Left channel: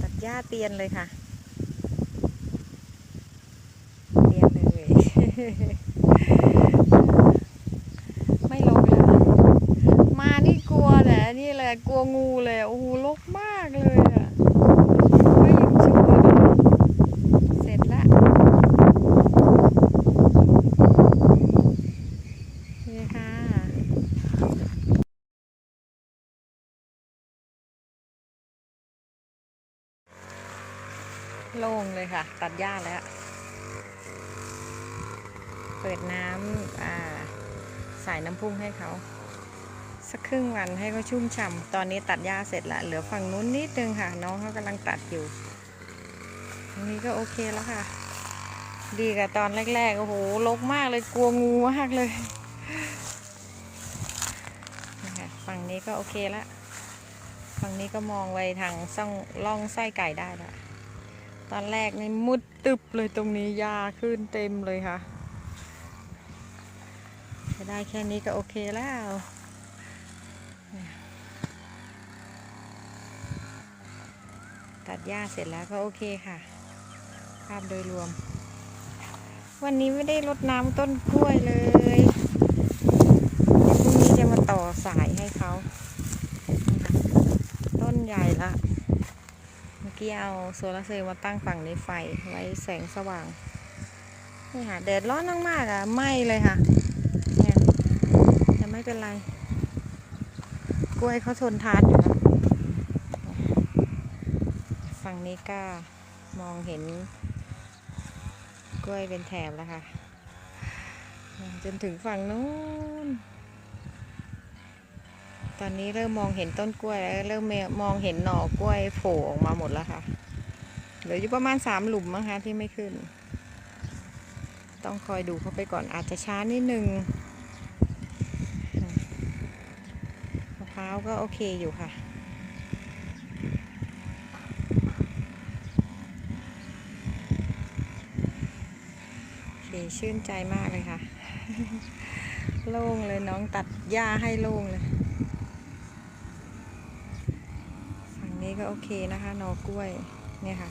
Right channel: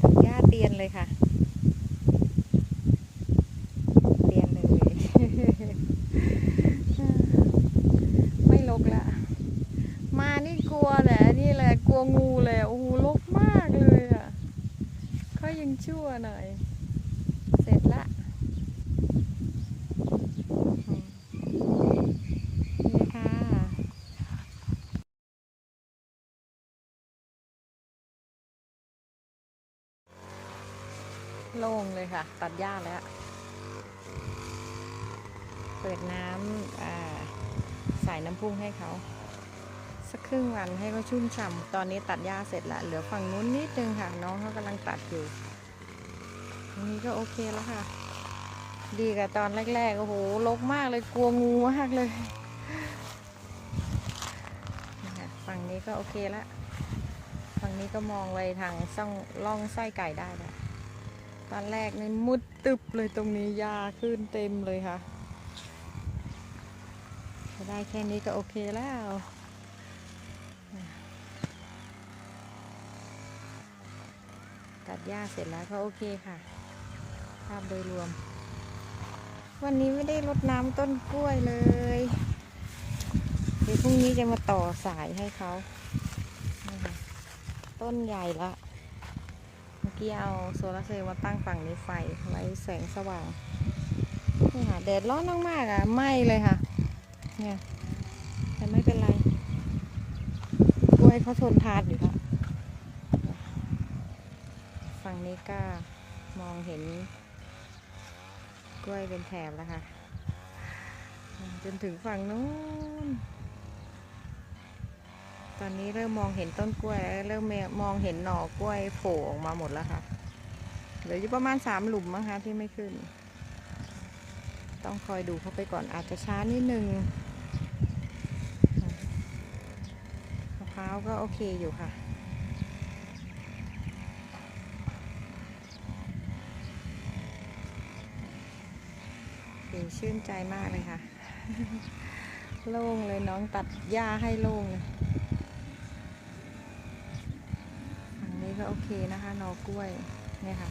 ตัดหญ้าเตียนเลยค่ะ เตียนเลย ไม่ลกแล้ว มานี่กลัวแต่นี่เลยกลัวงูเลย โอ้โหลกมากเลยอะก็ยังชั่วนะเสร็จละนี่ค่ะ โล่งเลยค่ะ ตัดหญ้าแล้ว เปิดน้ำอ่าใส่น้ำพุ่งให้เขา สักครึ่งวันให้เขาชุ่มฉ่ำตอนนี้ตัดหญ้าเสร็จละเหลือฝั่งนู้นนิดนึงค่ะ น้องเขากำลังตัดอยู่ตรงนี้ก็โอเคแล้วค่ะ ดีกับตอนแรกๆ โอ้โหลกมากเลยกลัวงูมากเลยนี่ค่ะฝั่งนี้ก็โอเคละฝั่งนี้ก็มองไปทางซ่องล่องไส้ไก่ได้ละ ตอนแรกนี่มุดตึบเลยตรงนี้ยาขึ้นเต็มเลยค่ะจะได้แค่นี้ก็โอเคแล้วตัดหญ้าเสร็จแล้วก็โอเคค่ะ ภาพโดยรวม วันนี้ไม่ได้รดน้ำต้นกล้วยเลยเดี๋ยวพรุ่งนี้จะมาต่อสายให้เขา ต้นใหญ่ละ เมื่อกี้เอาโซลาร์เซลล์มาตั้งฝั่งในไฟไว้แสงสว่างนี่ค่ะแดดร้อนมากๆอะไหม้เลยค่ะเนี่ยแต่ไม่เป็นไร กล้วยเขาทนทานอยู่แล้วฝั่งนี้ก็มองเห็น กล้วยเป็นแถบแล้วค่ะ จนถึงฝั่งนู้น ตอนนี้เริ่มมองเห็นต้นกล้วยแล้วเริ่มมองเห็นหน่อกล้วยโผล่ออกมาหมดแล้วค่ะ เหลืออยู่ประมาณสามหลุมมั้งคะที่ไม่ขึ้น ต้องคอยดูเข้าไปก่อนอาจจะช้านิดนึงมะพร้าวก็โอเคอยู่ค่ะโอเคชื่นใจมากเลยค่ะ โล่งเลยน้องตัดหญ้าให้โล่งเลย ฝั่ง นี้ก็โอเคนะคะนอกล้วยเนี่ยค่ะ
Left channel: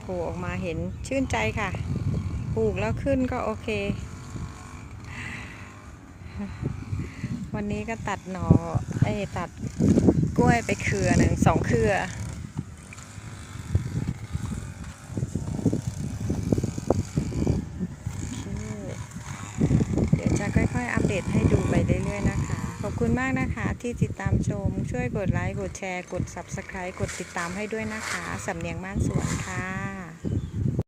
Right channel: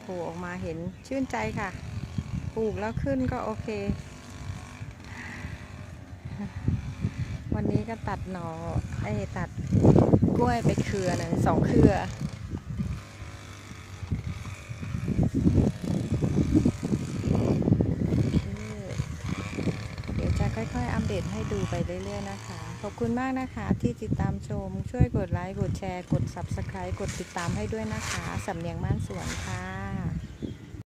โผล่ออกมาเห็นชื่นใจค่ะปลูกแล้วขึ้นก็โอเค วันนี้ก็ตัดหนอไอ้ตัดกล้วยไปเครือหนึ่งสองเครือเคเดี๋ยวจะค่อยๆ อัปเดตให้ดูไปเรื่อยๆ นะคะ ขอบคุณมากนะคะที่ติดตามชม ช่วยกดไลค์ กดแชร์ กด Subscribe กดติดตามให้ด้วยนะคะ สำเนียงบ้านสวนค่ะ